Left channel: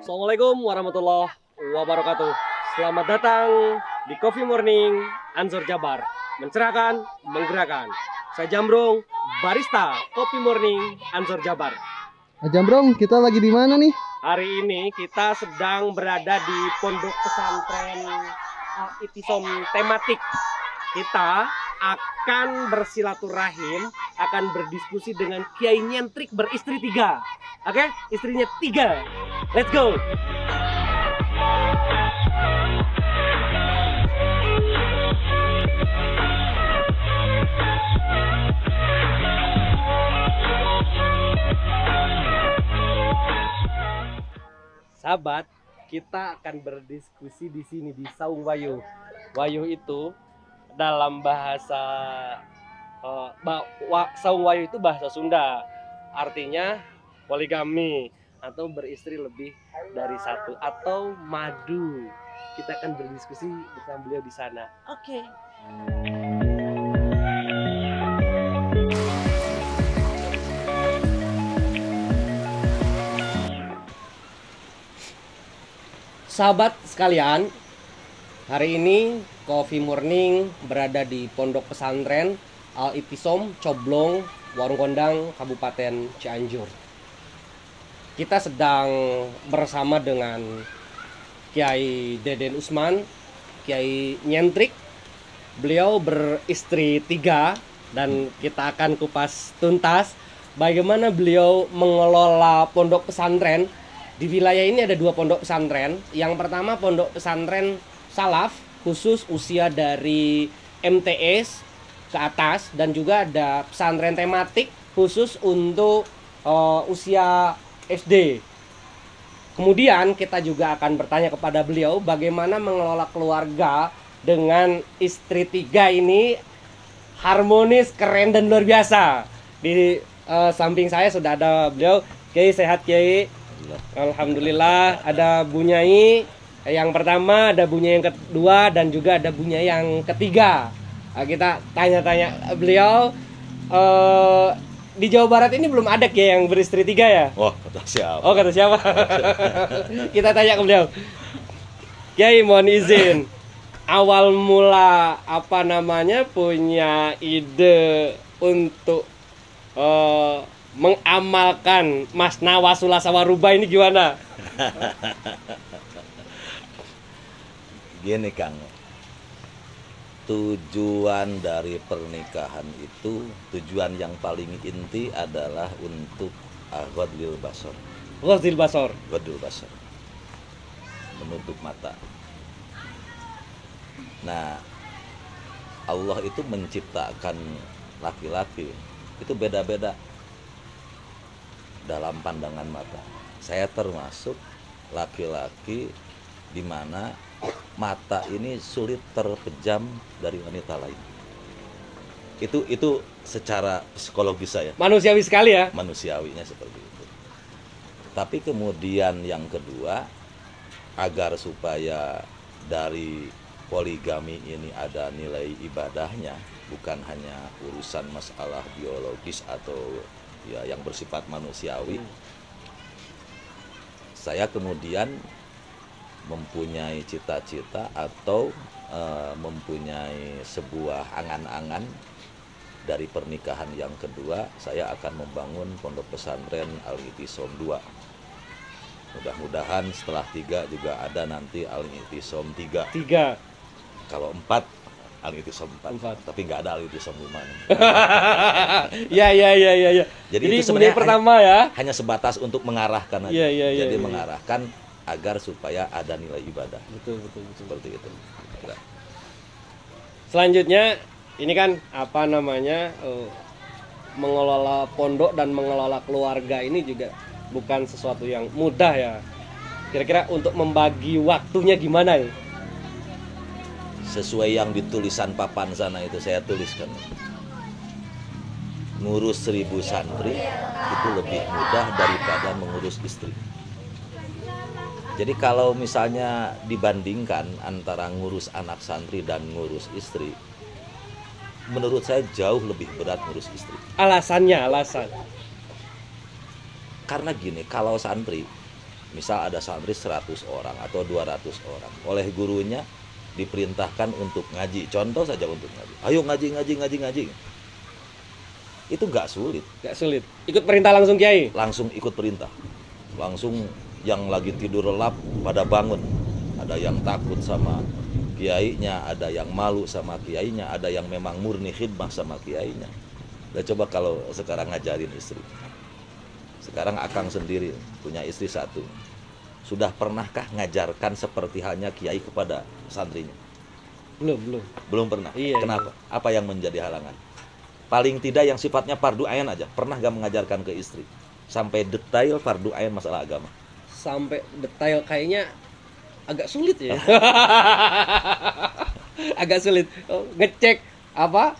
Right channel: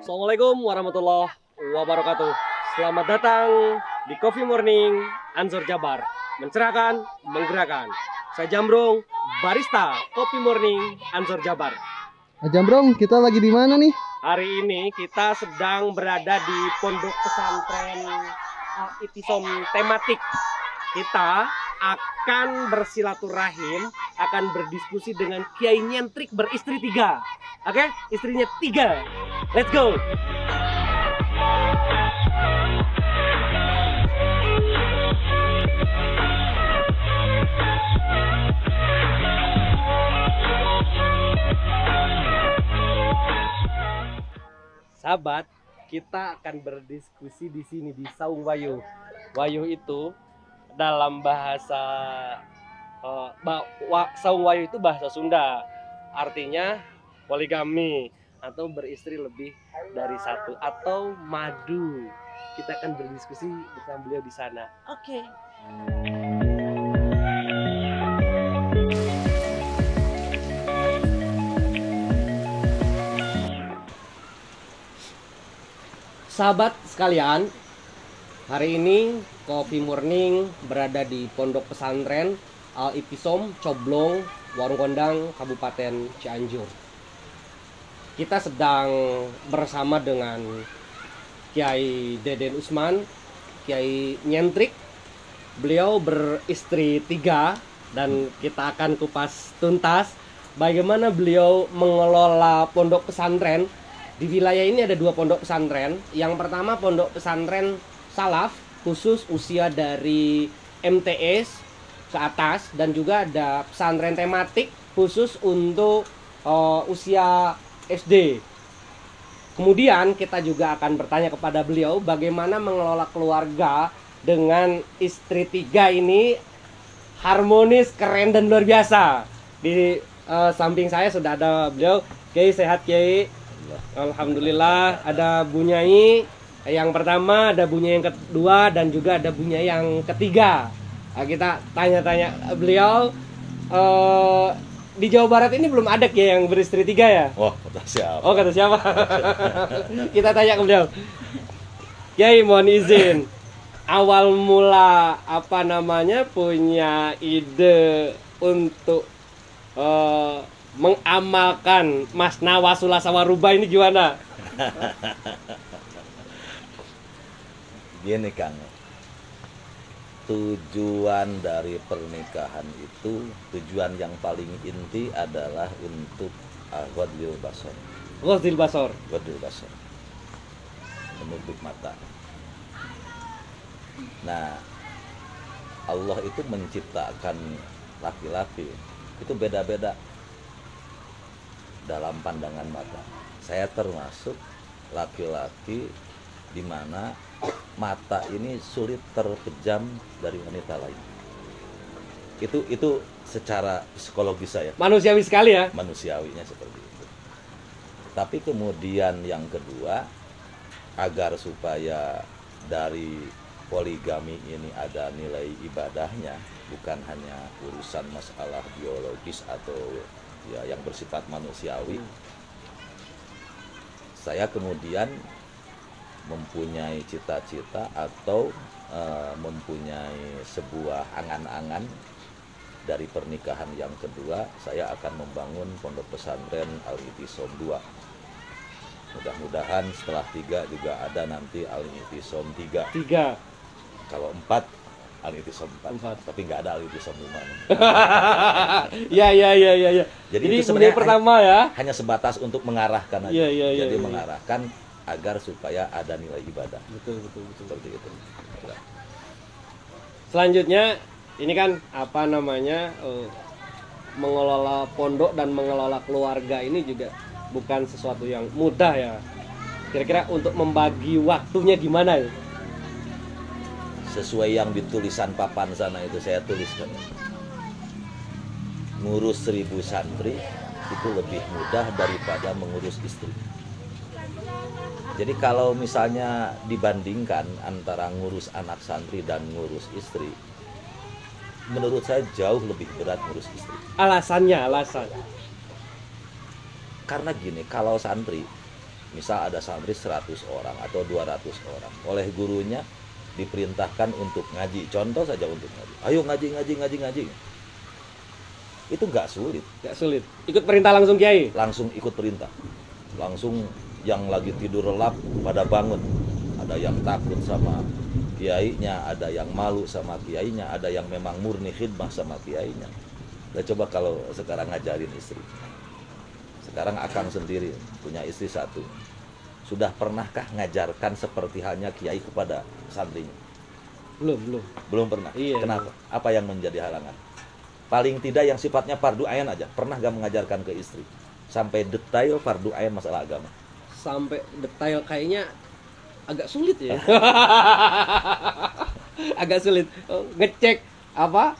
Assalamualaikum warahmatullahi wabarakatuh. Selamat datang di Coffee Morning Ansor Jabar. Mencerahkan, menggerakkan. Saya Jambrong, barista Coffee Morning Ansor Jabar. Jambrong, kita lagi di mana nih? Hari ini kita sedang berada di pondok pesantren Al-I'tisom tematik. Kita akan bersilaturahim, akan berdiskusi dengan Kiai Nyentrik beristri 3. Oke, istrinya 3. Let's go. Sahabat, kita akan berdiskusi di sini di Saung Wayuh. Wayuh itu dalam bahasa Saung Wayuh itu bahasa Sunda. Artinya poligami atau beristri lebih dari satu atau madu. Kita akan berdiskusi bersama beliau di sana. Oke. Sahabat sekalian, hari ini Coffee Morning berada di Pondok Pesantren Al-I'tisom, Coblong, Warung Kondang, Kabupaten Cianjur. Kita sedang bersama dengan Kiai Deden Usman, Kiai Nyentrik. Beliau beristri 3 dan kita akan kupas tuntas bagaimana beliau mengelola pondok pesantren. Di wilayah ini ada 2 pondok pesantren. Yang pertama pondok pesantren Salaf, khusus usia dari MTS ke atas, dan juga ada pesantren tematik khusus untuk usia SD. Kemudian kita juga akan bertanya kepada beliau bagaimana mengelola keluarga dengan istri 3 ini harmonis, keren dan luar biasa. Di samping saya sudah ada beliau. Kiai, sehat Kiai? Alhamdulillah. Ada Bu Nyai yang pertama, ada Bu Nyai yang kedua, dan juga ada Bu Nyai yang ketiga. Nah, kita tanya-tanya beliau. Di Jawa Barat ini belum ada Kiai yang beristri 3 ya? Oh, kata siapa? Oh, kata siapa? Kita tanya ke beliau. Kiai, mohon izin. Awal mula punya ide untuk mengamalkan Masna Wasula Sawaruba ini gimana? Gini Kang, tujuan dari pernikahan itu, tujuan yang paling inti adalah untuk ghadul basar. Ghadul basar. Ghadul basar, menutup mata. Nah, Allah itu menciptakan laki-laki itu beda-beda dalam pandangan mata. Saya termasuk laki-laki di mana mata ini sulit terpejam dari wanita lain. Itu secara psikologis saya. Manusiawi sekali ya. Manusiawinya seperti itu. Tapi kemudian yang kedua, agar supaya dari poligami ini ada nilai ibadahnya, bukan hanya urusan masalah biologis atau ya yang bersifat manusiawi. Saya kemudian mempunyai cita-cita atau mempunyai sebuah angan-angan dari pernikahan yang kedua. Saya akan membangun pondok pesantren Al-I'tisom 2. Mudah-mudahan setelah 3 juga ada nanti Al-I'tisom 3. Kalau 4 Al-I'tisom 4. Tapi nggak ada Al-I'tisom 5. Ya. Jadi itu sebenarnya pertama ya. Hanya sebatas untuk mengarahkan aja. Jadi mengarahkan agar supaya ada nilai ibadah. Betul. Seperti itu. Ya. Selanjutnya ini kan mengelola pondok dan mengelola keluarga ini juga bukan sesuatu yang mudah ya. Kira-kira untuk membagi waktunya gimana ya? Sesuai yang di tulisan papan sana itu saya tuliskan. Ngurus 1000 santri itu lebih mudah daripada mengurus istri. Jadi kalau misalnya dibandingkan antara ngurus anak santri dan ngurus istri, menurut saya jauh lebih berat ngurus istri. Alasan. Karena gini, kalau santri misal ada santri 100 orang atau 200 orang, oleh gurunya diperintahkan untuk ngaji, contoh saja untuk ngaji, ayo ngaji, itu nggak sulit, Ikut perintah langsung Kiai. langsung ikut perintah, langsung yang lagi tidur lelap pada bangun, ada yang takut sama kiainya, ada yang malu sama kiainya, ada yang memang murni khidmah sama kiainya. Ya coba kalau sekarang ngajarin istri, sekarang akang sendiri punya istri satu, sudah pernahkah ngajarkan seperti halnya kiai kepada santrinya? Belum pernah. Iya, Kenapa? Apa yang menjadi halangan? Paling tidak yang sifatnya fardu ain aja, pernah gak mengajarkan ke istri sampai detail fardu ain masalah agama? Sampai detail kayaknya agak sulit ya. Agak sulit. Ngecek apa?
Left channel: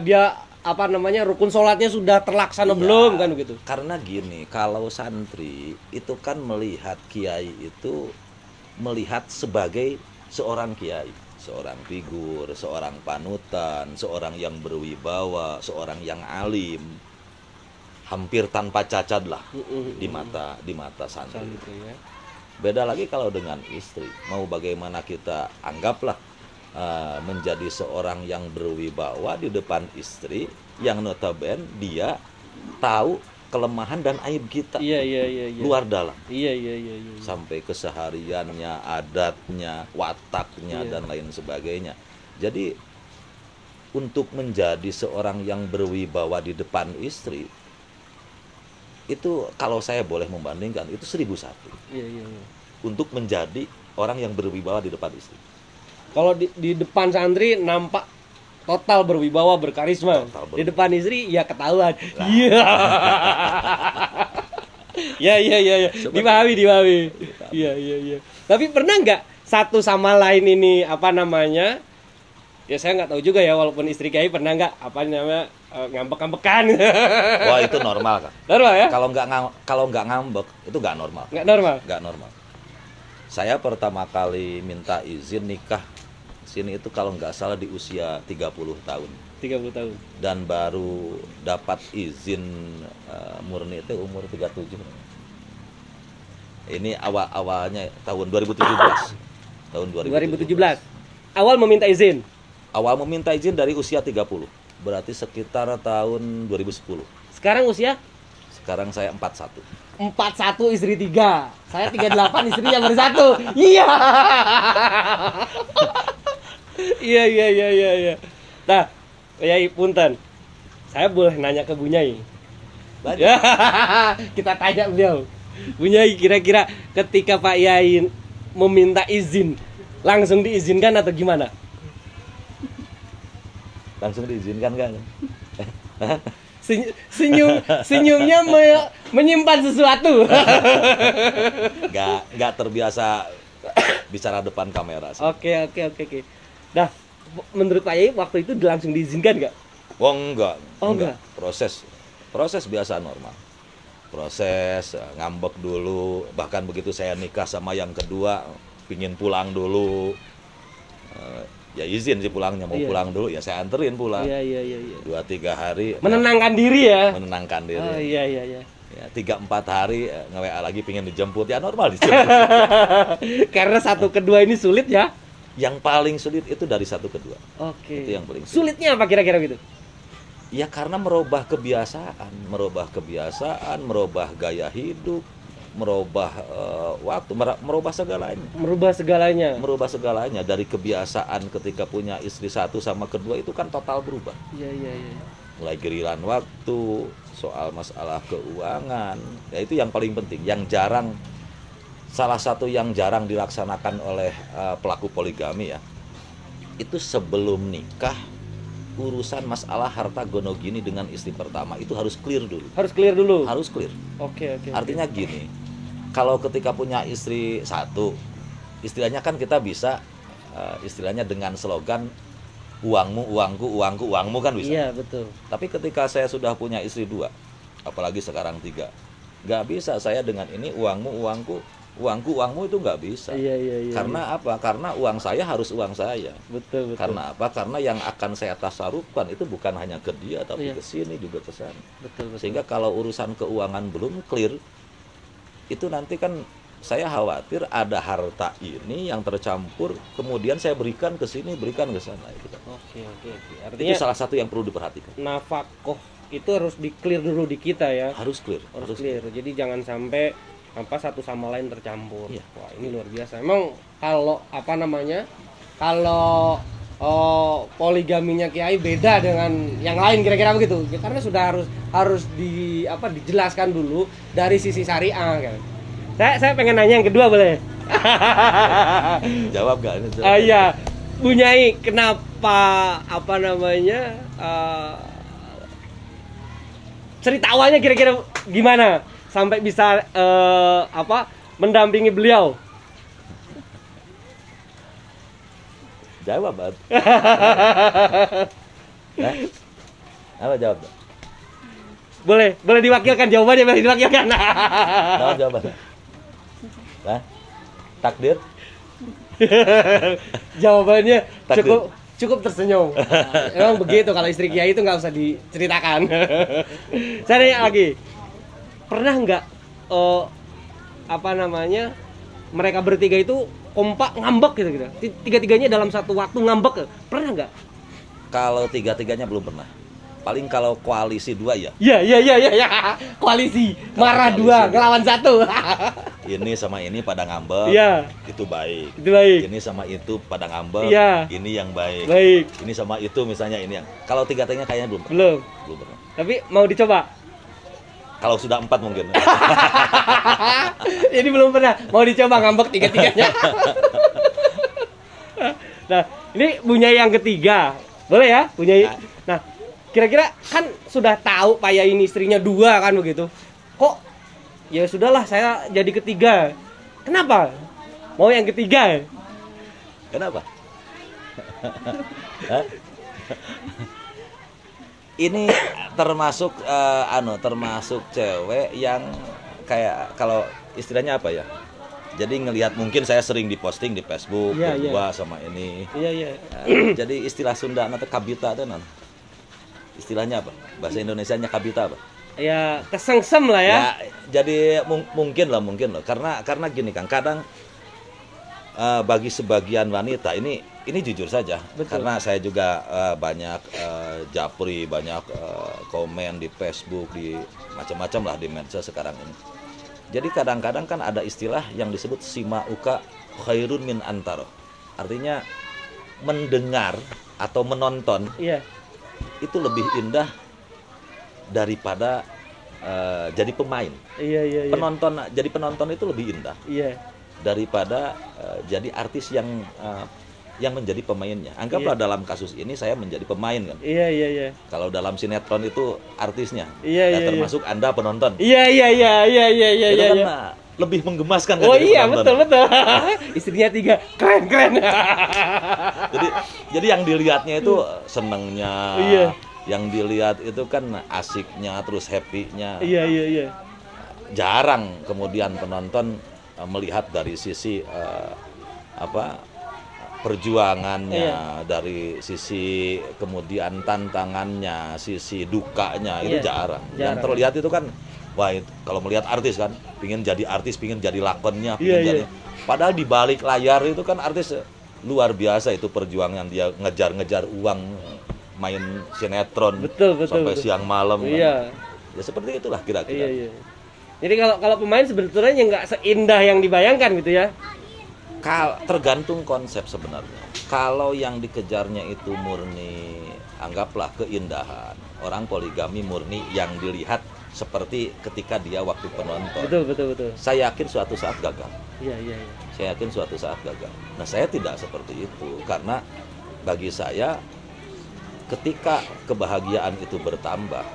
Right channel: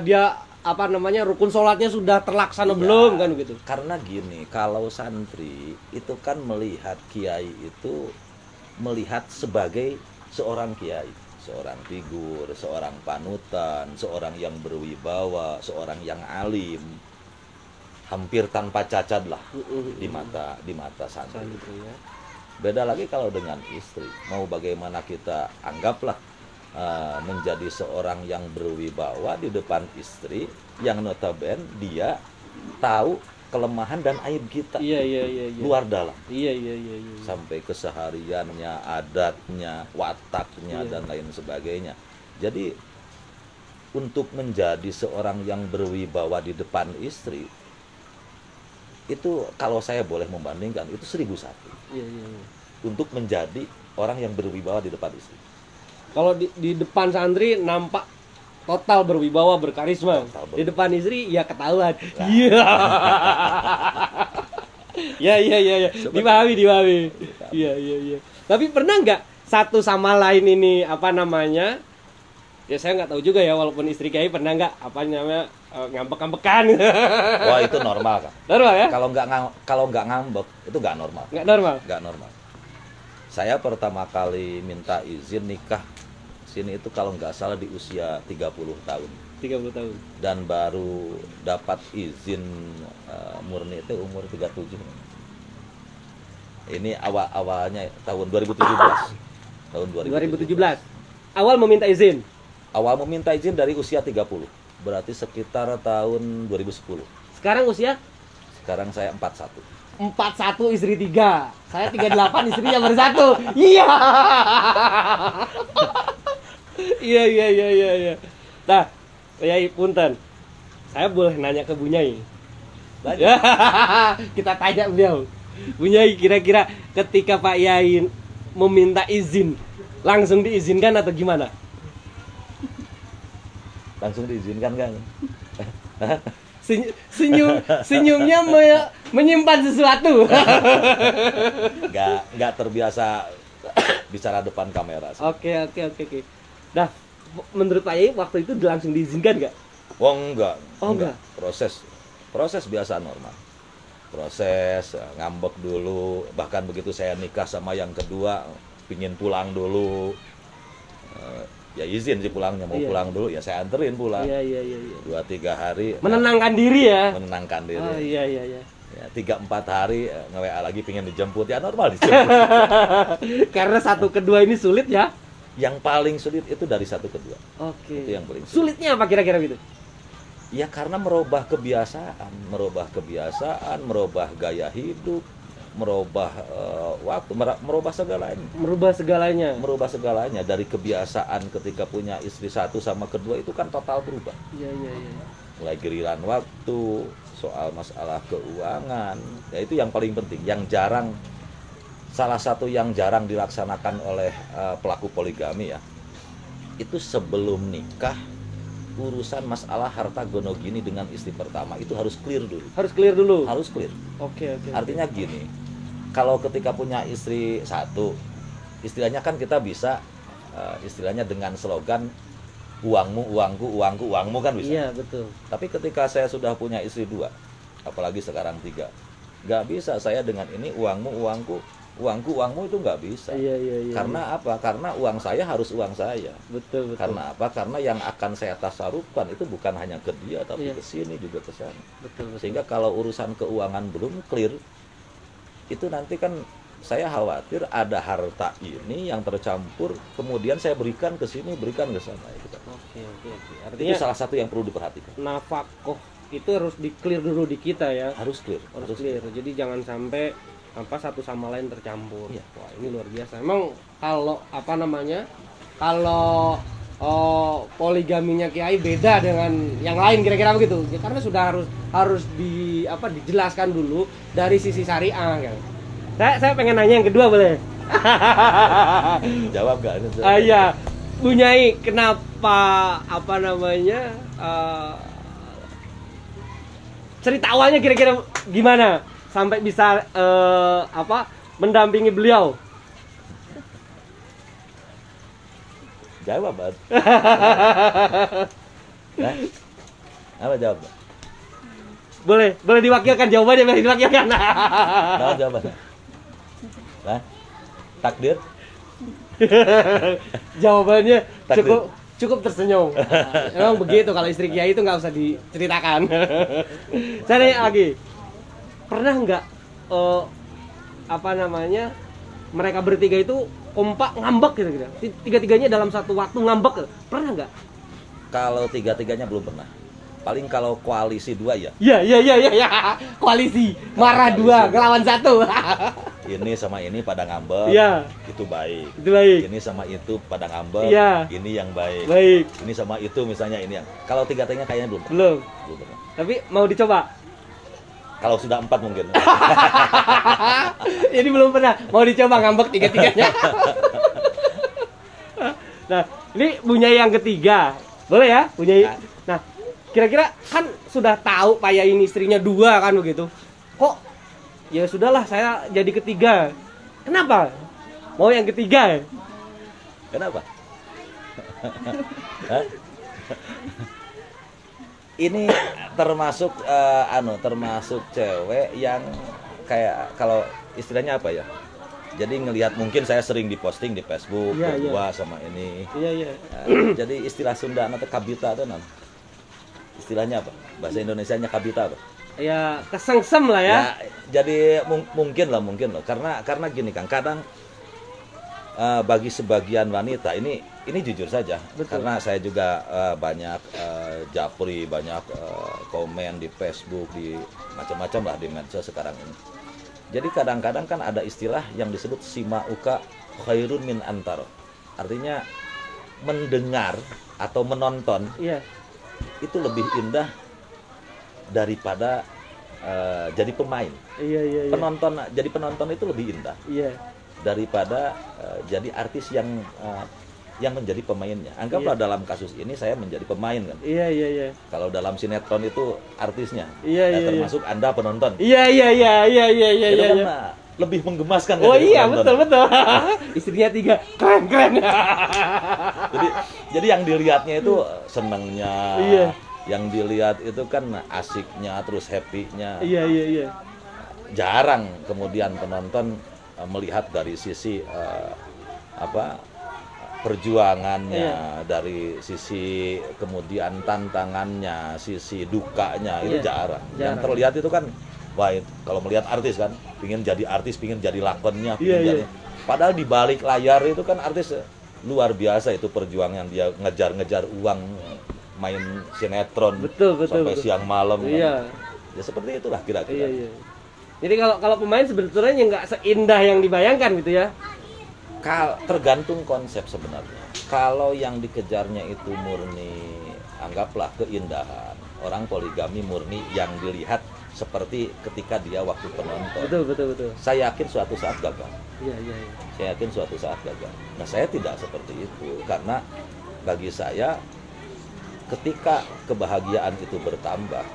Dia apa namanya, rukun sholatnya sudah terlaksana belum kan begitu? Karena gini, kalau santri itu kan melihat kiai itu melihat sebagai seorang kiai, seorang figur, seorang panutan, seorang yang berwibawa, seorang yang alim, hampir tanpa cacat lah di mata santri. Beda lagi kalau dengan istri, mau bagaimana kita anggaplah menjadi seorang yang berwibawa di depan istri yang notabene dia tahu kelemahan dan aib kita. Iya. Luar dalam. Iya. Sampai kesehariannya, adatnya, wataknya dan lain sebagainya. Jadi untuk menjadi seorang yang berwibawa di depan istri itu kalau saya boleh membandingkan itu 1001. Iya. Untuk menjadi orang yang berwibawa di depan istri. Kalau di depan santri nampak total berwibawa, berkarisma. Di depan istri ya ketahuan. Iya. Ya. Dipahami. Iya. Tapi pernah nggak satu sama lain ini apa namanya? Ya saya nggak tahu juga ya, walaupun istri Kiai pernah nggak apa namanya ngambek-ngambekan. Wah itu normal kan? Normal ya? Kalau nggak ngambek itu nggak normal. Nggak normal. Saya pertama kali minta izin nikah sini itu kalau nggak salah di usia 30 tahun. 30 tahun. Dan baru dapat izin murni itu umur 37. Ini awalnya tahun 2017. Tahun 2017. Awal meminta izin. Awal meminta izin dari usia 30. Berarti sekitar tahun 2010. Sekarang usia? Sekarang saya 41. 41 istri 3. Saya 38 istrinya baru 1. Iya. Iya. Nah, Yai punten. Saya boleh nanya ke Bu Nyai? Ya, kita tanya beliau. Bu Nyai, kira-kira ketika Pak Yai meminta izin, langsung diizinkan atau gimana? Langsung diizinkan kan? Senyumnya menyimpan sesuatu. Nggak terbiasa bicara depan kamera. Oke. Nah, menurut Pak Yai waktu itu langsung diizinkan nggak? Oh enggak. Proses biasa normal. Proses ngambek dulu. Bahkan begitu saya nikah sama yang kedua, pingin pulang dulu. Ya izin sih pulangnya, mau pulang dulu ya saya anterin pulang. Iya. 2-3 hari menenangkan diri ya. Oh iya. Ya 3-4 hari nge-WA lagi pingin dijemput, ya normal dijemput. Karena 1 ke 2 ini sulit ya. Yang paling sulit itu dari 1 ke 2. Oke. Itu yang paling sulit. Sulitnya apa kira-kira gitu? Ya karena merubah kebiasaan, merubah gaya hidup, merubah waktu, merubah segalanya. Merubah segalanya dari kebiasaan ketika punya istri 1 sama kedua itu kan total berubah. Iya. Mulai giliran waktu, soal masalah keuangan, ya itu yang paling penting, salah satu yang jarang dilaksanakan oleh pelaku poligami ya. Itu sebelum nikah urusan masalah harta gono gini dengan istri pertama itu harus clear dulu. Harus clear. Oke. Artinya gini, kalau ketika punya istri 1, istilahnya kan kita bisa istilahnya dengan slogan uangmu, uangku kan bisa. Iya, betul. Tapi ketika saya sudah punya istri 2, apalagi sekarang 3, nggak bisa saya dengan ini uangmu, uangmu itu nggak bisa. Iya. Karena apa? Karena uang saya harus uang saya. Betul. Karena apa? Karena yang akan saya tasarufkan itu bukan hanya ke dia, tapi ke sini juga ke sana. Betul. Sehingga kalau urusan keuangan belum clear, itu nanti kan saya khawatir ada harta ini yang tercampur, kemudian saya berikan ke sini, berikan ke sana. Gitu. Oke. Itu Artinya salah satu yang perlu diperhatikan. nafkah itu harus di-clear dulu di kita ya. Harus clear. Harus clear. Jadi jangan sampai satu sama lain tercampur. Iya. Wah, ini luar biasa. Emang kalau kalau poligaminya Kiai beda dengan yang lain kira-kira begitu. Ya, karena sudah harus dijelaskan dulu dari sisi syariah kan. Saya pengen nanya yang kedua boleh? Jawab gak? Iya. Bunyai, kenapa cerita awalnya kira-kira gimana sampai bisa mendampingi beliau? Jawab, Bang. Ya? Apa jawab? Boleh diwakilkan jawabannya, boleh diwakilkan. Jawab jawabannya. Hah? Takdir? Jawabannya Takdir. cukup tersenyum. Emang begitu, kalau istri Kiai itu nggak usah diceritakan. Saya nanya lagi, pernah nggak mereka bertiga itu kompak ngambek gitu? Tiga-tiganya dalam satu waktu ngambek, pernah nggak? Kalau tiga-tiganya belum pernah. Paling kalau koalisi dua ya. Iya. Koalisi marah dua ngelawan satu. Ini sama ini pada ngambek. Iya. Itu baik. Itu baik. Ini sama itu pada ngambek. Iya. Ini yang baik. Baik. Ini sama itu misalnya ini yang. Kalau tiga-tiganya kayaknya belum. Belum pernah. Tapi mau dicoba. Kalau sudah 4 mungkin. Ini belum pernah. Mau dicoba ngambek tiga-tiganya. Nah, ini Bunyai yang ketiga. Boleh ya, Bunyai? Nah, kira-kira kan sudah tahu Pak Yai ini istrinya 2 kan begitu. Kok ya sudahlah saya jadi ketiga. Kenapa? Mau yang ketiga? Kenapa? Hah? Ini termasuk termasuk cewek yang kayak kalau istilahnya apa ya? Jadi ngelihat mungkin saya sering diposting di Facebook berdua sama ini. Iya. Jadi istilah Sunda atau kabita itu non. Istilahnya apa? Bahasa Indonesianya kabita apa? Ya kesengsem lah ya. Jadi mungkin lah. Karena gini kan, kadang bagi sebagian wanita ini jujur saja. Betul. Karena saya juga banyak japri, banyak komen di Facebook, di macam-macam lah di medsos sekarang ini. Jadi kadang-kadang kan ada istilah yang disebut simauka khairun min antaro. Artinya mendengar atau menonton itu lebih indah daripada jadi pemain. Iya. Jadi penonton itu lebih indah. Iya. Daripada jadi artis yang menjadi pemainnya. Anggaplah dalam kasus ini saya menjadi pemain kan. Iya. Kalau dalam sinetron itu artisnya. Iya. Termasuk Anda penonton. Iya. Itu kan lebih menggemaskan kan. Oh iya, betul. Istrinya 3. Keren. Jadi yang dilihatnya itu senengnya. Iya. Yang dilihat itu kan asiknya, terus happy-nya. Iya. Jarang kemudian penonton melihat dari sisi perjuangannya, dari sisi kemudian tantangannya, sisi dukanya, itu jarang. Yang terlihat itu kan, wah kalau melihat artis kan, pingin jadi artis, pingin jadi lakonnya, padahal di balik layar itu kan artis luar biasa itu perjuangan dia ngejar uang, main sinetron sampai siang malam. Iya. Ya seperti itulah kira-kira. Iya. Jadi kalau pemain sebetulnya nggak seindah yang dibayangkan gitu ya. Tergantung konsep sebenarnya. Kalau yang dikejarnya itu murni, anggaplah keindahan. Orang poligami murni yang dilihat seperti ketika dia waktu penonton. Betul. Saya yakin suatu saat gagal. Iya. Saya yakin suatu saat gagal. Nah, saya tidak seperti itu karena bagi saya ketika kebahagiaan itu bertambah,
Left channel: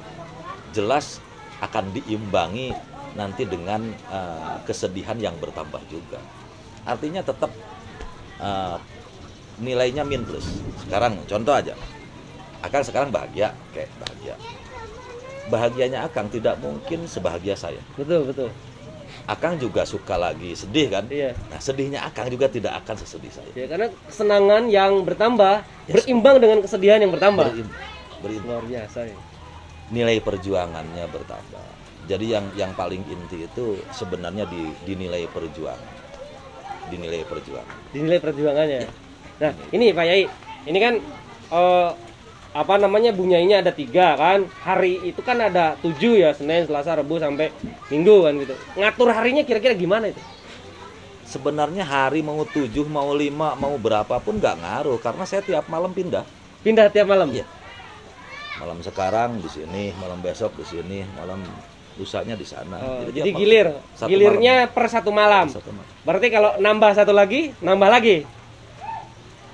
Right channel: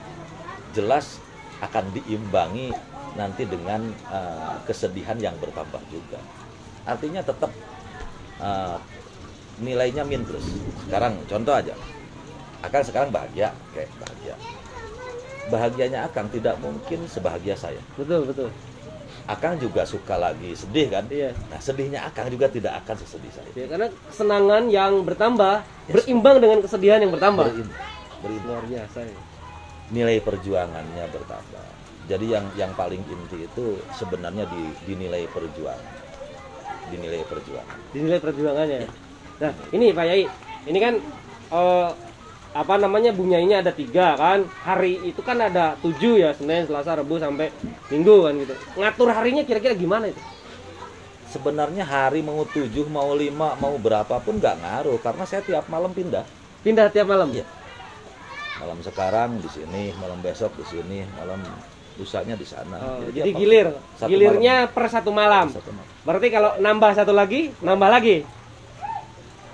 jelas akan diimbangi nanti dengan kesedihan yang bertambah juga. Artinya tetap nilainya min plus. Sekarang contoh aja, Akang sekarang bahagia, bahagia. Bahagianya Akang tidak mungkin sebahagia saya. Betul. Akang juga suka lagi sedih kan? Iya. Nah, sedihnya Akang juga tidak akan sesedih saya. Ya, karena kesenangan yang bertambah berimbang dengan kesedihan yang bertambah. Berimbang. Luar biasa ya. Nilai perjuangannya bertambah. Jadi yang paling inti itu sebenarnya dinilai perjuangan. Dinilai perjuangan. Dinilai perjuangannya. Nah, ini Pak Yai, ini kan apa namanya bunyainya ada 3 kan. Hari itu kan ada 7 ya, Senin, Selasa, Rabu sampai Minggu kan gitu. Ngatur harinya kira-kira gimana itu? Sebenarnya hari mau 7, mau 5, mau berapapun nggak ngaruh karena saya tiap malam pindah. Pindah tiap malam? Iya. Malam sekarang di sini, malam besok di sini, malam lusanya di sana. Jadi tiap gilir, satu gilirnya malam. per 1 malam. Satu malam. Berarti kalau nambah 1 lagi, nambah lagi.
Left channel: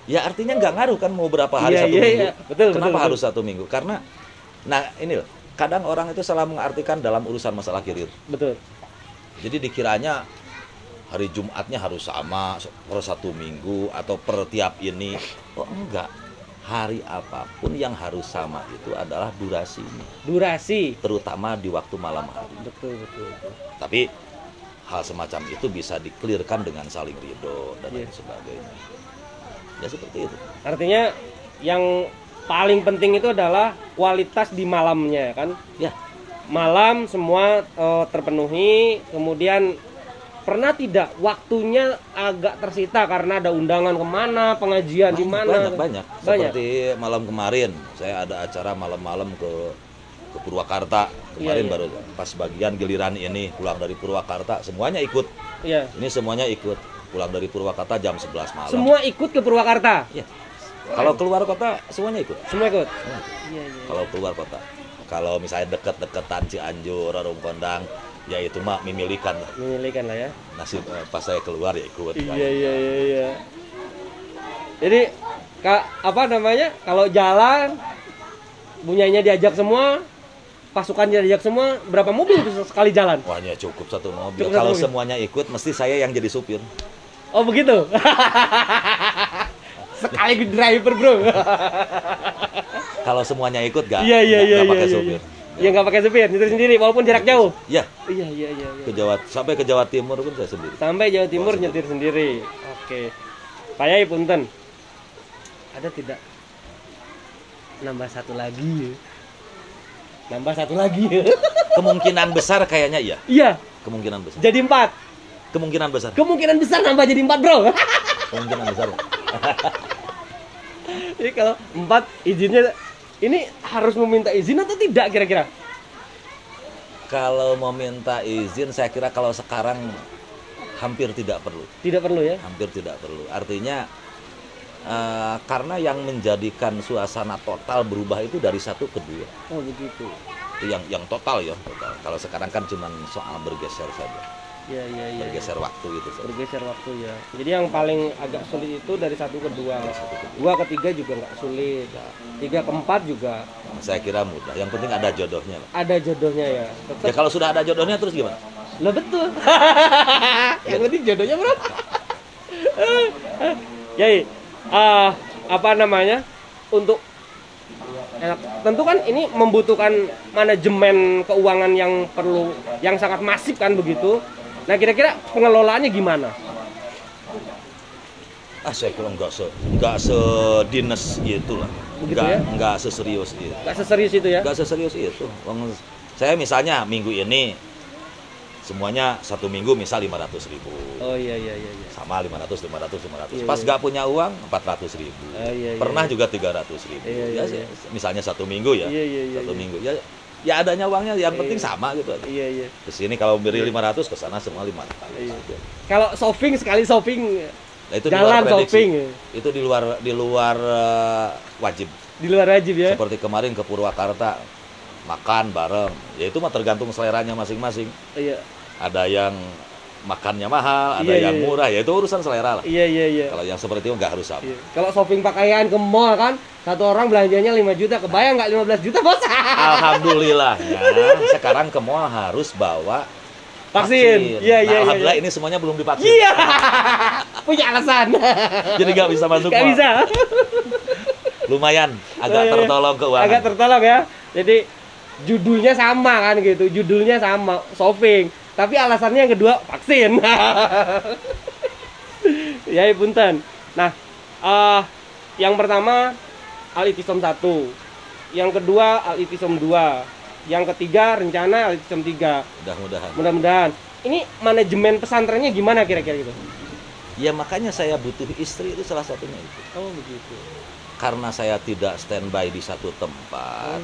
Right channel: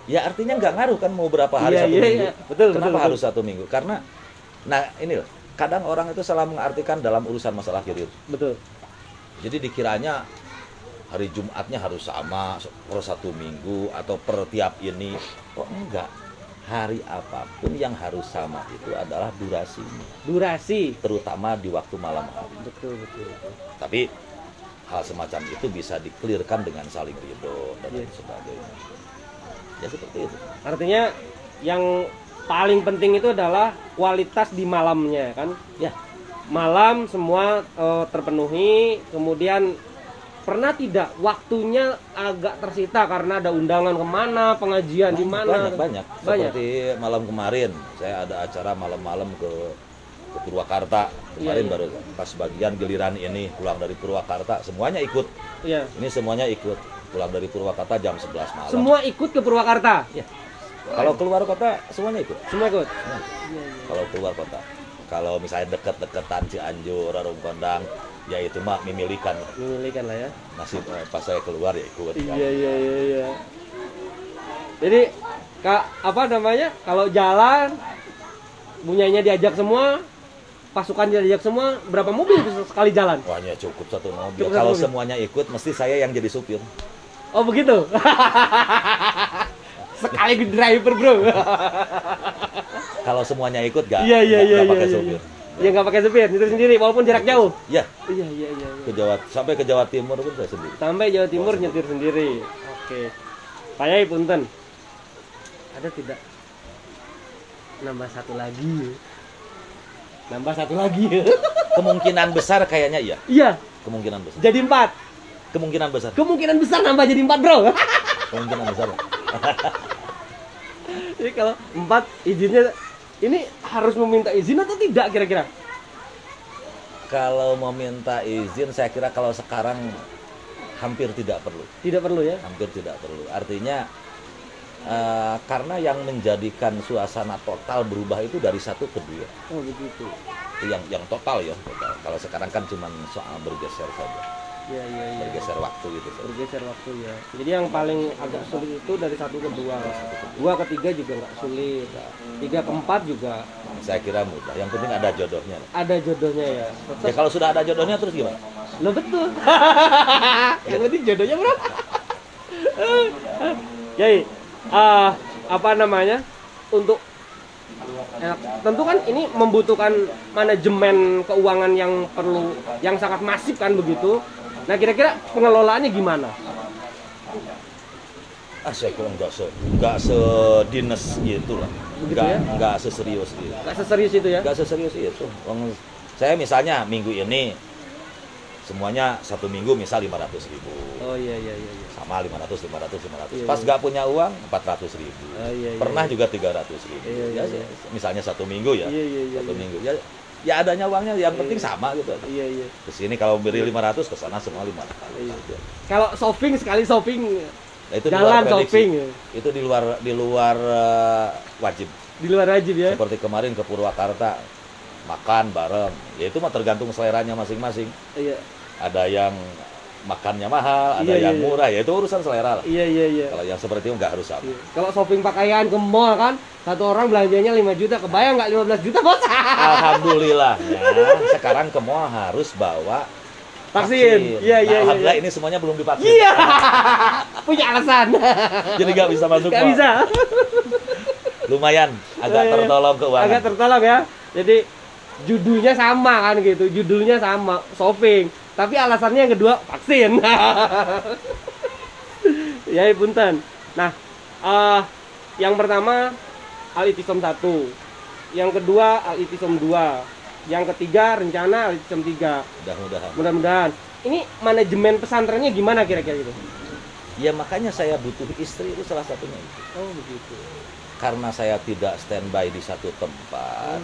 Ya artinya nggak ngaruh kan mau berapa hari Iya, satu iya, minggu. iya. Betul, Kenapa betul, harus 1 minggu? Karena, nah ini loh, kadang orang itu salah mengartikan dalam urusan masalah kirir. Betul. Jadi dikiranya hari Jumatnya harus sama per 1 minggu atau per tiap ini. Oh enggak, hari apapun yang harus sama itu adalah durasinya. Durasi. Terutama di waktu malam hari. Betul, betul, betul. Tapi hal semacam itu bisa dikelirkan dengan saling ridho dan lain Iya. sebagainya. Ya seperti itu. Artinya yang paling penting itu adalah kualitas di malamnya kan. Ya, Malam semua terpenuhi, kemudian pernah tidak waktunya agak tersita karena ada undangan kemana, pengajian di mana? banyak. Seperti malam kemarin saya ada acara malam-malam ke Purwakarta. Kemarin Iya. baru pas bagian giliran ini pulang dari Purwakarta semuanya ikut. Iya. Ini semuanya ikut. Pulang dari Purwakarta jam 11 malam. Semua ikut ke Purwakarta. Ya. Kalau keluar kota semuanya ikut. Semua ikut. Semua ikut. Iya, iya. Kalau keluar kota. Kalau misalnya deket-deketan Cianjur, Rarung Kondang, ya itu mah memilihkan. Memilihkan lah ya. Nasib pas saya keluar ya ikut. Iya, iya, iya, iya. Jadi apa namanya? Kalau jalan bunyainya diajak semua, pasukan diajak semua, berapa mobil tuh sekali jalan? Wah, ya cukup 1 mobil. Cukup Kalau 1 mobil. semuanya ikut, mesti saya yang jadi supir. Oh begitu. Sekali driver bro. Kalau semuanya ikut gak? Iya, iya, iya, Gak pakai iya, supir. Ya nggak pakai supir, nyetir sendiri walaupun jarak jauh. Ya, Iya, iya, iya. sampai ke Jawa Timur pun saya sendiri. Sampai Jawa Timur Bawa nyetir sendiri. Oke. Pak Yai punten. Ada tidak nambah 1 lagi? Nambah 1 lagi. Kemungkinan besar kayaknya iya. Iya. Kemungkinan besar. Jadi 4. Kemungkinan besar. Kemungkinan besar nambah jadi 4 bro. Kemungkinan besar. Jadi kalau 4 izinnya ini harus meminta izin atau tidak kira-kira? Kalau mau minta izin, saya kira kalau sekarang hampir tidak perlu. Tidak perlu ya? Hampir tidak perlu. Artinya karena yang menjadikan suasana total berubah itu dari 1 ke 2. Oh begitu. Itu yang total ya. Total. Kalau sekarang kan cuma soal bergeser saja. Iya, iya, iya. Bergeser waktu gitu. Bergeser waktu ya. Jadi yang paling agak sulit itu dari 1 ke 2. 2 ke 3 juga nggak sulit. 3 ke 4 juga Saya kira mudah. Yang penting ada jodohnya. ada jodohnya ya. Ya kalau sudah ada jodohnya terus gimana? Lo betul. Yang penting jodohnya bro. Jadi apa namanya untuk tentu kan ini membutuhkan manajemen keuangan yang sangat masif kan begitu. Nah kira-kira pengelolaannya gimana? Saya kira nggak sedinas itu lah. Begitu ya? Nggak seserius itu. Gak seserius itu ya? Nggak seserius itu. Saya misalnya minggu ini semuanya 1 minggu misal 500.000. Oh iya iya iya. Sama 500. Iya, Pas iya. nggak punya uang 400.000. Oh, iya, iya, Pernah iya. juga 300.000. Iya, iya, Ya, iya. misalnya 1 minggu ya. Iya, iya, iya, 1 iya. minggu. Ya adanya uangnya yang penting Iya. sama gitu aja. Iya iya. Ke sini kalau beri 500 ke sana semua 500. Iya. Kalau shopping sekali shopping Nah, itu jalan di luar prediksi. shopping Itu di luar wajib. di luar wajib ya? Seperti kemarin ke Purwakarta makan bareng. Ya itu mah tergantung seleranya masing-masing. Iya Ada yang makannya mahal, ada Iya, yang iya, iya. murah. Ya itu urusan selera lah. iya iya iya. Kalau yang seperti itu nggak harus sama. Iya. Kalau shopping pakaian ke mall kan satu orang belanjanya 5 juta, kebayang nggak 15 juta bos? Alhamdulillah ya, sekarang ke mall harus bawa Vaksin. Iya iya iya. Alhamdulillah iya. ini semuanya belum divaksin. Iya. Punya alasan. Jadi nggak bisa masuk Nggak mall. bisa. Lumayan agak Iya, iya. tertolong keuangan. Agak tertolong ya. Jadi judulnya sama kan gitu. Judulnya sama, shopping. Tapi alasannya yang kedua vaksin. Ya, punten. Nah, yang pertama Al-Itisam 1. Yang kedua Al-Itisam 2. yang ketiga rencana Al-Itisam 3. Mudah-mudahan. Mudah-mudahan. Ini manajemen pesantrennya gimana kira-kira itu? Ya makanya saya butuh istri, itu salah satunya itu. Oh begitu. Karena saya tidak standby di satu tempat.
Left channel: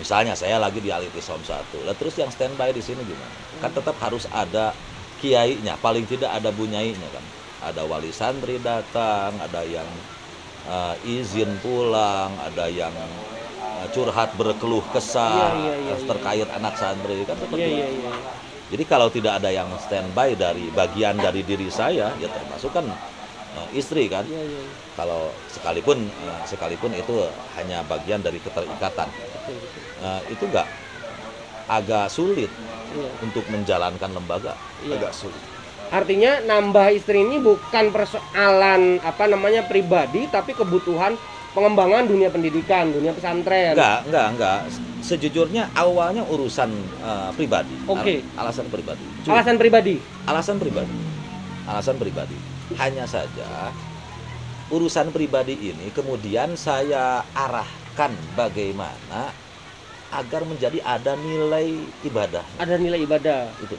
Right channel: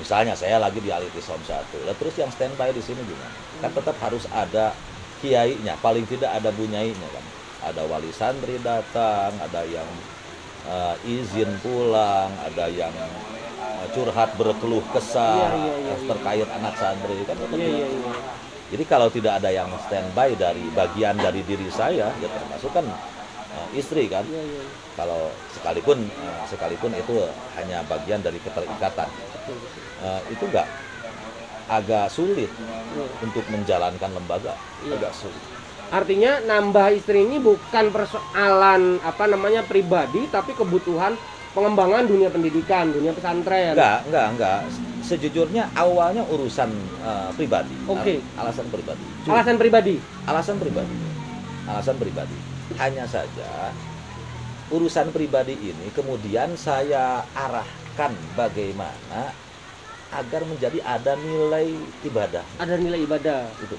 Misalnya saya lagi di Al-Itisam 1. Lah terus yang standby di sini gimana? Kan tetap harus ada kiainya, paling tidak ada bunyainya kan. Ada wali santri datang, ada yang izin pulang, ada yang curhat berkeluh kesah terkait anak santri kan seperti itu. Jadi kalau tidak ada yang standby dari bagian dari diri saya, ya termasuk kan istri kan. Kalau sekalipun itu hanya bagian dari keterikatan, itu agak sulit untuk menjalankan lembaga, agak sulit. Artinya nambah istri ini bukan persoalan pribadi, tapi kebutuhan pengembangan dunia pendidikan, dunia pesantren. Enggak. Sejujurnya awalnya urusan pribadi. Oke. Alasan pribadi. Alasan pribadi. Hanya saja urusan pribadi ini kemudian saya arahkan bagaimana agar menjadi ada nilai ibadah. Ada nilai ibadah. Itu.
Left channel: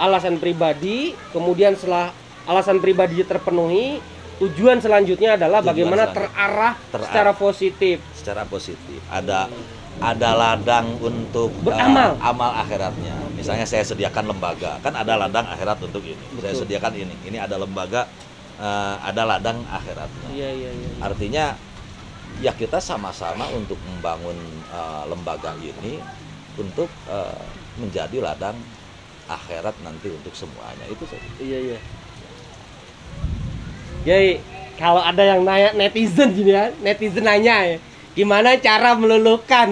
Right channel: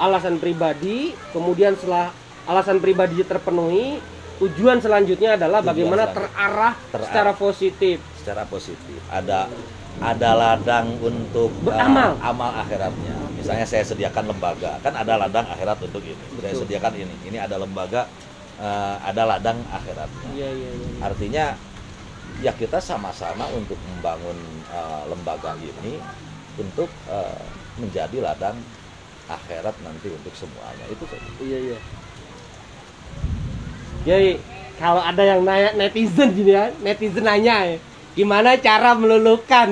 Alasan pribadi, kemudian setelah alasan pribadi terpenuhi, tujuan selanjutnya adalah bagaimana terarah secara positif. Secara positif. Ada ladang untuk beramal, amal akhiratnya. Misalnya saya sediakan lembaga, kan ada ladang akhirat untuk ini. Betul. Saya sediakan ini. Ini ada lembaga, ada ladang akhiratnya. Iya. Artinya ya kita sama-sama untuk membangun lembaga ini untuk menjadi ladang akhirat nanti untuk semuanya, itu saja. Iya. Jadi kalau ada yang nanya netizen gini ya, netizen nanya ya, gimana cara meluluhkan?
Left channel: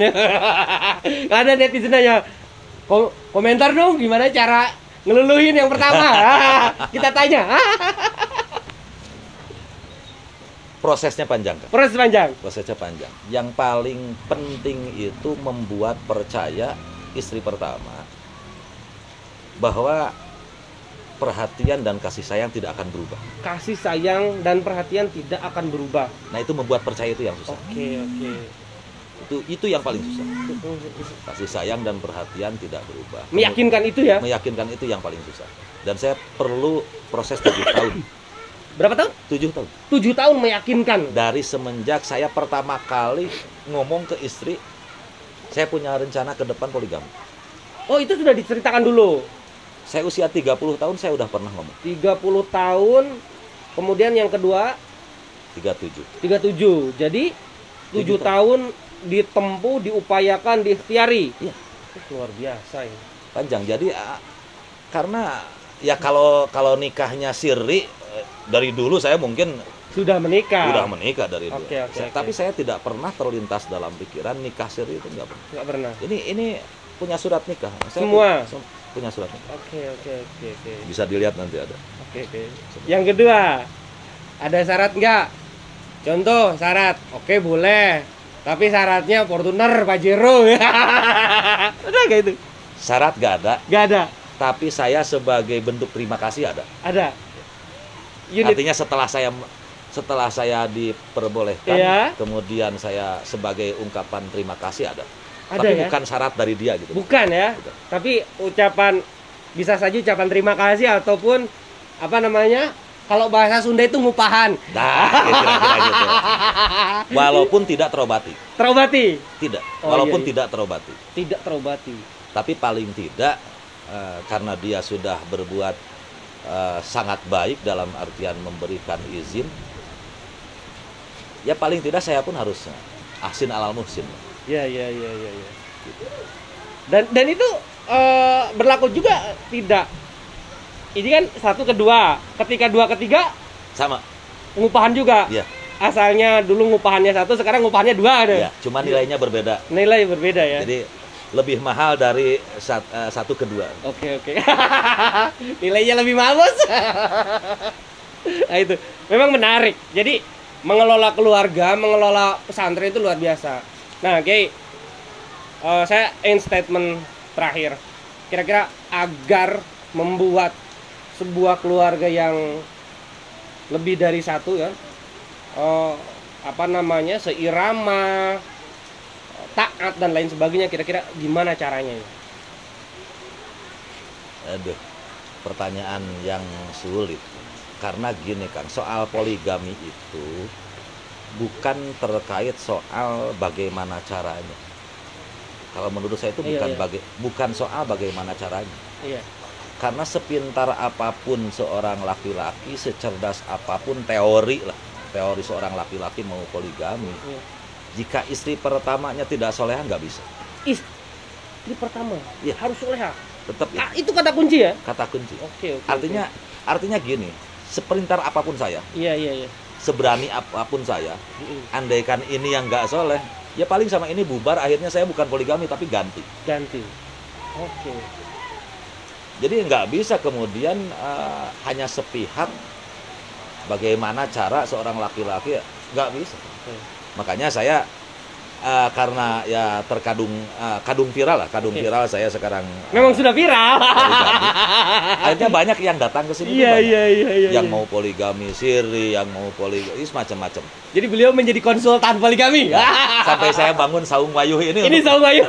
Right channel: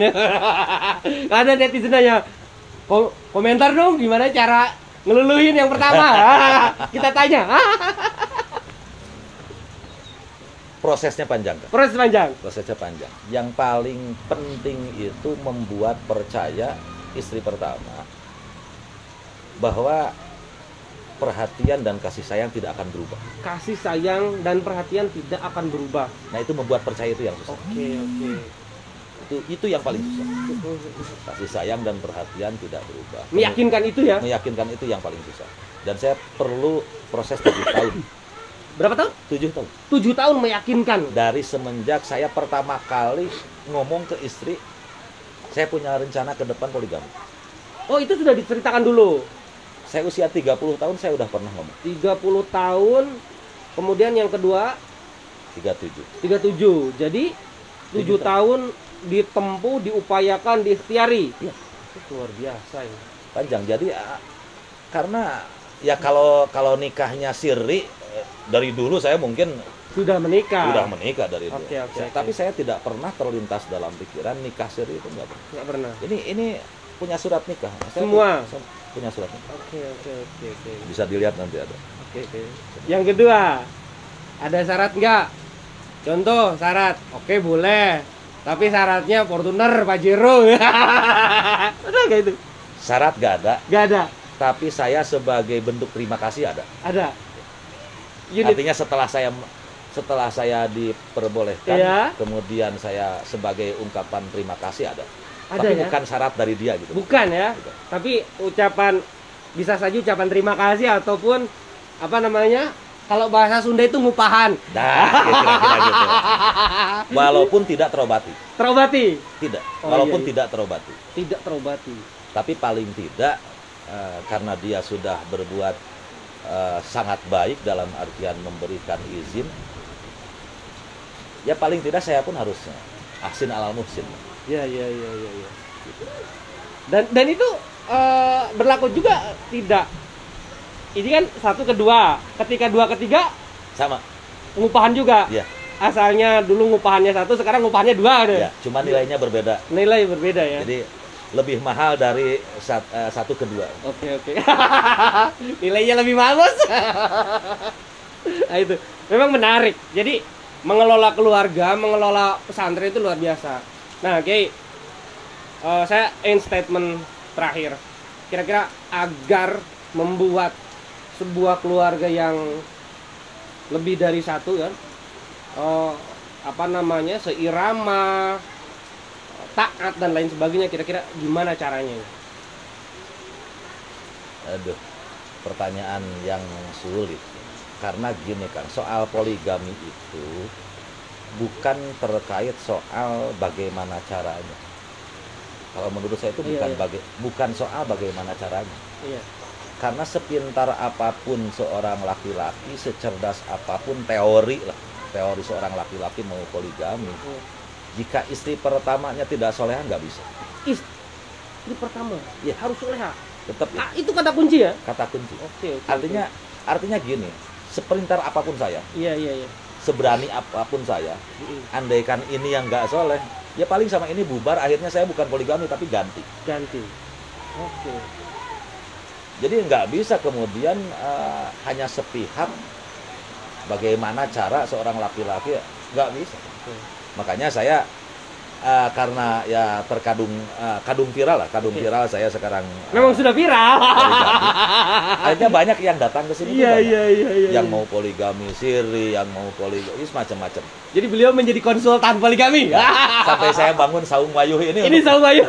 Ada netizen nanya, komentar dong gimana cara ngeluluhin yang pertama. Kita tanya. Prosesnya panjang kan? Prosesnya panjang. Yang paling penting itu membuat percaya istri pertama bahwa perhatian dan kasih sayang tidak akan berubah. Kasih sayang dan perhatian tidak akan berubah. Nah itu membuat percaya itu yang susah. Oke. Itu yang paling susah. Kasih sayang dan perhatian tidak berubah. Meyakinkan itu ya? Meyakinkan itu yang paling susah. Dan saya perlu proses 7 tahun. Berapa tahun? 7 tahun. 7 tahun meyakinkan. Dari semenjak saya pertama kali ngomong ke istri, saya punya rencana ke depan poligami. Oh itu sudah diceritakan dulu? Saya usia 30 tahun saya udah pernah ngomong. 30 tahun, kemudian yang kedua 37. Jadi 7 tahun ditempuh, diupayakan, diikhtiari. Iya. Luar biasa ini. Panjang. Jadi karena ya kalau nikahnya sirri dari dulu saya mungkin sudah menikah dari dulu. Oke. Tapi saya tidak pernah terlintas dalam pikiran nikah sirri itu enggak pernah. Ini punya surat nikah. Semua punya surat nikah. Oke. Bisa dilihat nanti ada. Oke. Yang kedua, ada syarat nggak? Contoh syarat, oke boleh. Tapi syaratnya Fortuner Pajero. Udah kayak itu. Syarat nggak ada. Tapi saya sebagai bentuk terima kasih ada. Artinya setelah saya diperbolehkan, kemudian saya sebagai ungkapan terima kasih ada. Tapi bukan syarat dari dia gitu. Bukan ya. Bukan. Tapi bisa saja ucapan terima kasih ataupun kalau bahasa Sunda itu ngupahan. Nah, kira-kira gitu. Walaupun tidak terobati. Tidak. Walaupun tidak terobati. Tapi paling tidak karena dia sudah berbuat sangat baik dalam artian memberikan izin, ya paling tidak saya pun harus ahsin alal muhsin. Ya. Dan itu berlaku juga tidak. Ini kan 1 ke 2, ketika 2 ke 3 sama. Ngupahan juga. Iya. Asalnya dulu ngupahannya 1, sekarang ngupahannya 2 ada. Iya, cuma nilainya berbeda. Nilai berbeda ya. Jadi lebih mahal dari 1 ke 2. Oke. Nilainya lebih mahal, Bos. Nah itu memang menarik. Jadi mengelola keluarga, mengelola pesantren itu luar biasa. Nah, saya end statement terakhir. Kira-kira agar membuat sebuah keluarga yang lebih dari satu ya, seirama, taat dan lain sebagainya, kira-kira gimana caranya? Aduh, pertanyaan yang sulit. Karena gini kan, soal poligami itu bukan terkait soal bagaimana caranya. Kalau menurut saya itu Iya, bukan soal bagaimana caranya. Iya. Karena sepintar apapun seorang laki-laki, secerdas apapun teori seorang laki-laki mau poligami, Iya. jika istri pertamanya tidak soleha nggak bisa. Istri pertama Iya. harus soleha. Tetap Ah, itu kata kunci ya? kata kunci. Oke. Artinya gini, sepintar apapun saya, Iya. seberani apapun saya, Mm-mm. andaikan ini yang nggak soleh, ya paling sama ini bubar, akhirnya saya bukan poligami tapi ganti. Ganti. Oke. Jadi nggak bisa kemudian hanya sepihak bagaimana cara seorang laki-laki, nggak bisa. Oke. Makanya saya karena ya terkadung kadung viral Oke. viral saya sekarang Memang sudah viral. poligami. Akhirnya banyak yang datang ke sini. Iya. Yang mau poligami siri, yang mau poligami macam-macam. Jadi beliau menjadi konsultan poligami. Sampai saya bangun saung wayuh ini Ini untuk sama Bayu.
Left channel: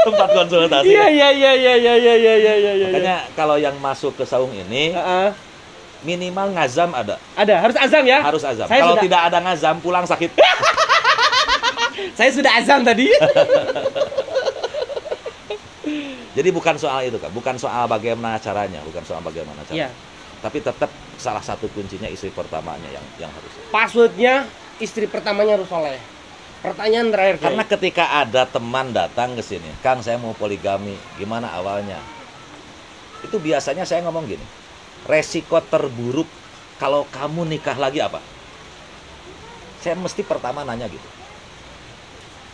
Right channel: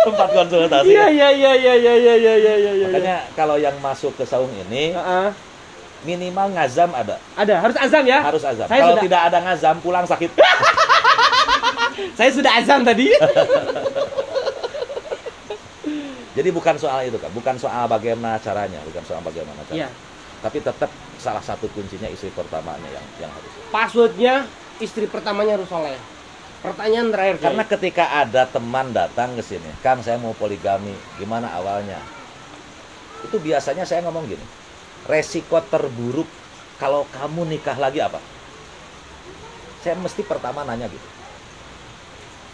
tempat konsultasi. Iya. Makanya kalau yang masuk ke saung ini minimal ngazam ada. Ada, harus azam ya? Harus azam. Saya Kalau sudah- tidak ada ngazam pulang sakit. Saya sudah azam tadi. Jadi bukan soal itu kan, bukan soal bagaimana caranya, Iya. Tapi tetap salah satu kuncinya istri pertamanya yang harus. Passwordnya istri pertamanya harus soleh. Pertanyaan terakhir, Kiai. Karena ketika ada teman datang ke sini, Kang saya mau poligami, gimana awalnya? Itu biasanya saya ngomong gini, resiko terburuk kalau kamu nikah lagi apa? Saya mesti pertama nanya gitu.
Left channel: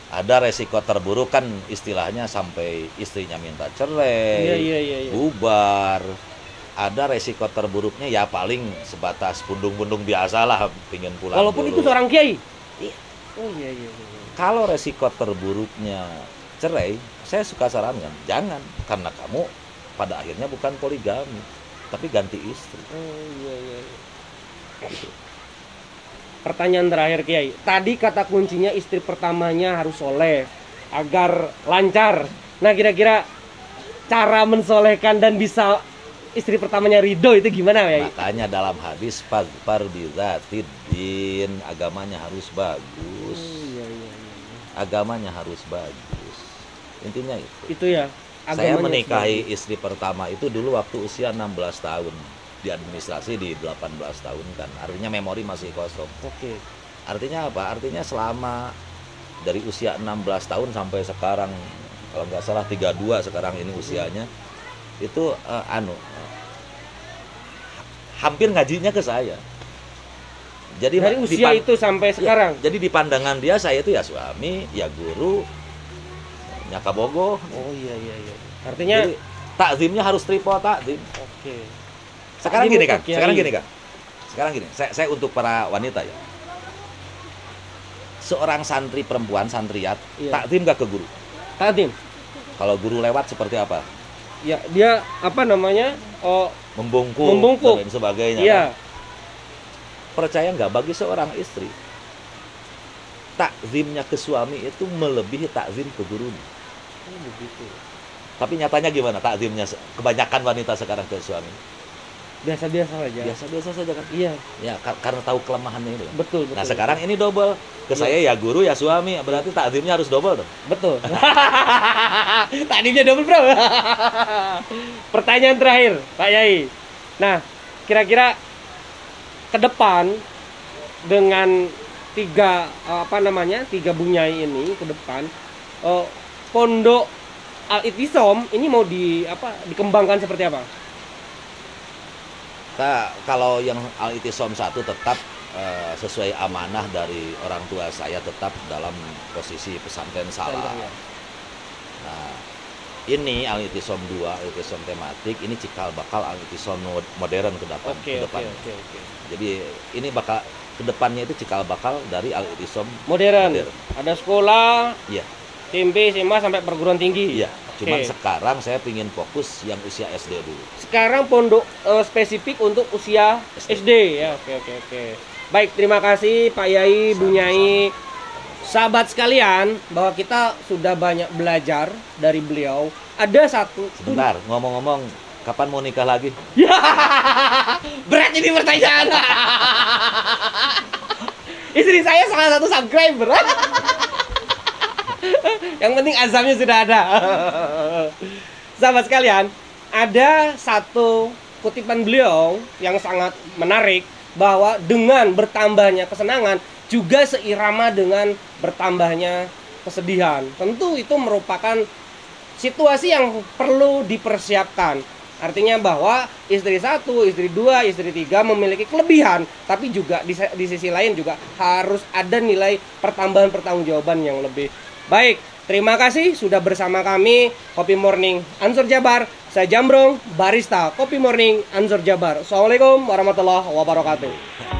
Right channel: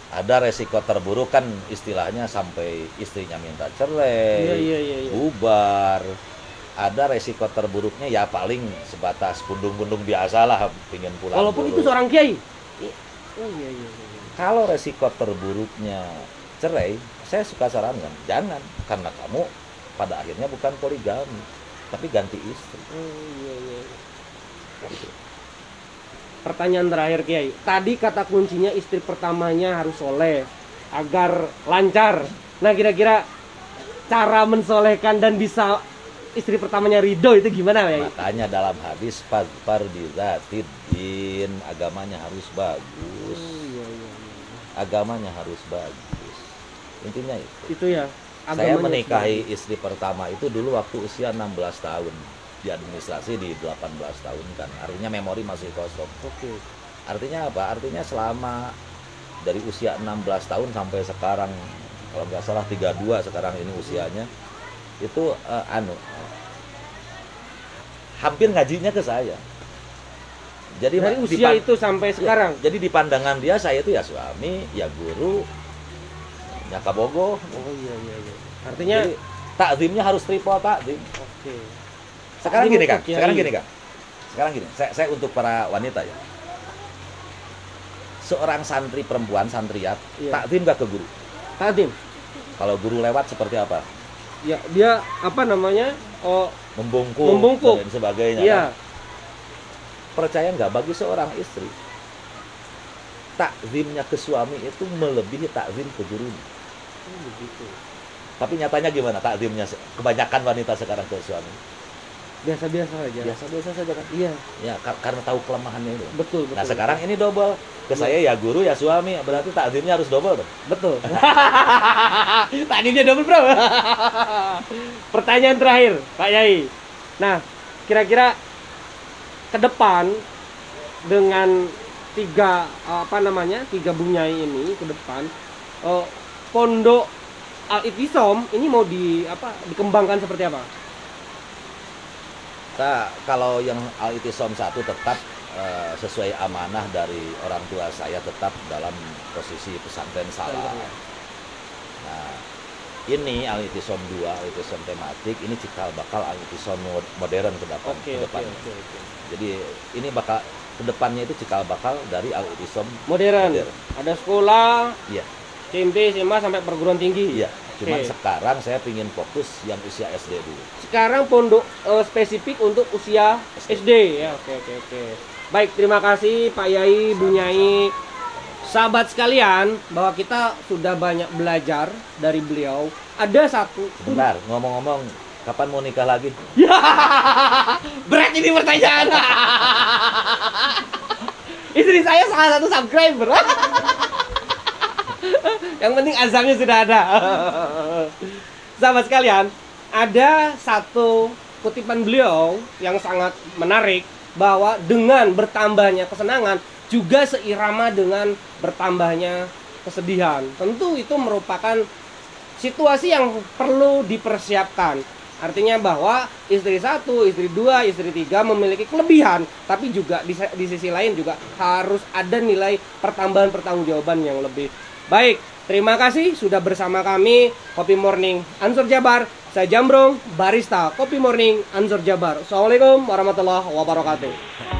Ada resiko terburuk kan istilahnya sampai istrinya minta cerai, Iya. bubar. Ada resiko terburuknya ya paling sebatas pundung-pundung biasa lah, pingin pulang Walaupun dulu. itu seorang kiai. Iya. Oh iya. Kalau resiko terburuknya cerai, saya suka sarankan jangan, karena kamu pada akhirnya bukan poligami, tapi ganti istri. Oh iya. Pertanyaan terakhir, Kiai. Tadi kata kuncinya istri pertamanya harus soleh agar lancar. Nah, kira-kira cara mensolehkan dan bisa istri pertamanya ridho itu gimana, Kiai? Makanya dalam hadis fazfar bizatid-din, agamanya harus bagus. Iya. Agamanya harus bagus. Intinya itu. Itu ya. Saya agamanya menikahi istri pertama itu dulu waktu usia 16 tahun. Di administrasi di 18 tahun kan. Artinya memori masih kosong. Oke. Artinya apa? Artinya selama dari usia 16 tahun sampai sekarang, kalau nggak salah 32 sekarang ini usianya, itu hampir ngajinya ke saya. Jadi Dari usia itu sampai sekarang. jadi di pandangan dia saya itu ya suami, ya guru, ya kabogo. Oh iya. Artinya Jadi takzimnya harus triple takzim. oke. Sekarang Takzim gini untuk kan, kiai. sekarang gini. Saya untuk para wanita ya. Seorang santri perempuan, santriat, Iya. takzim gak ke guru? Takdim. Kalau guru lewat seperti apa? Ya, dia apa namanya? Oh, Membungkuk dan sebagainya. iya. Kan? Percaya nggak, bagi seorang istri takzimnya ke suami itu melebihi takzim ke gurunya. Oh, begitu. Tapi nyatanya gimana takzimnya kebanyakan wanita sekarang ke suami? Biasa-biasa saja. Biasa-biasa saja kan? Iya, Ya karena tahu kelemahannya itu. betul. Nah sekarang ini double, ke saya ya guru ya suami, berarti takzimnya harus double dong. Betul. Tadinya double, Bro. Pertanyaan terakhir, Pak Yai. Nah, kira-kira ke depan dengan tiga bunyai ini ke depan, pondok Al-Ittisom ini mau dikembangkan seperti apa? Kalau yang Al-Ittisom 1 tetap sesuai amanah dari orang tua saya, tetap dalam posisi pesantren salaf. Nah, ini Al-Ittisom 2, Al-Ittisom tematik, ini cikal bakal Al-Ittisom modern ke depan. Oke. Jadi ini bakal ke depannya itu cikal bakal dari Al-Ittisom Modern. Ada sekolah, Iya. SMP, SMA sampai perguruan tinggi. Iya. Cuman Oke. sekarang saya ingin fokus yang usia SD dulu. Sekarang pondok spesifik untuk usia SD ya. Oke. Baik, terima kasih Pak Yai, Bu Nyai. Sahabat sekalian, bahwa kita sudah banyak belajar dari beliau. Ada satu. Sebentar, ngomong-ngomong, kapan mau nikah lagi? Ya, berat ini pertanyaan. Istri saya salah satu subscriber. Yang penting azamnya sudah ada. Sahabat sekalian, ada satu kutipan beliau yang sangat menarik, bahwa dengan bertambahnya kesenangan juga seirama dengan bertambahnya kesedihan. Tentu itu merupakan situasi yang perlu dipersiapkan. Artinya bahwa istri satu, istri dua, istri tiga memiliki kelebihan, tapi juga di sisi lain juga harus ada nilai pertambahan pertanggungjawaban yang lebih baik. Terima kasih sudah bersama kami Kopi Morning Ansor Jabar. Saya Jambrong, barista Kopi Morning Ansor Jabar. Assalamualaikum warahmatullahi wabarakatuh.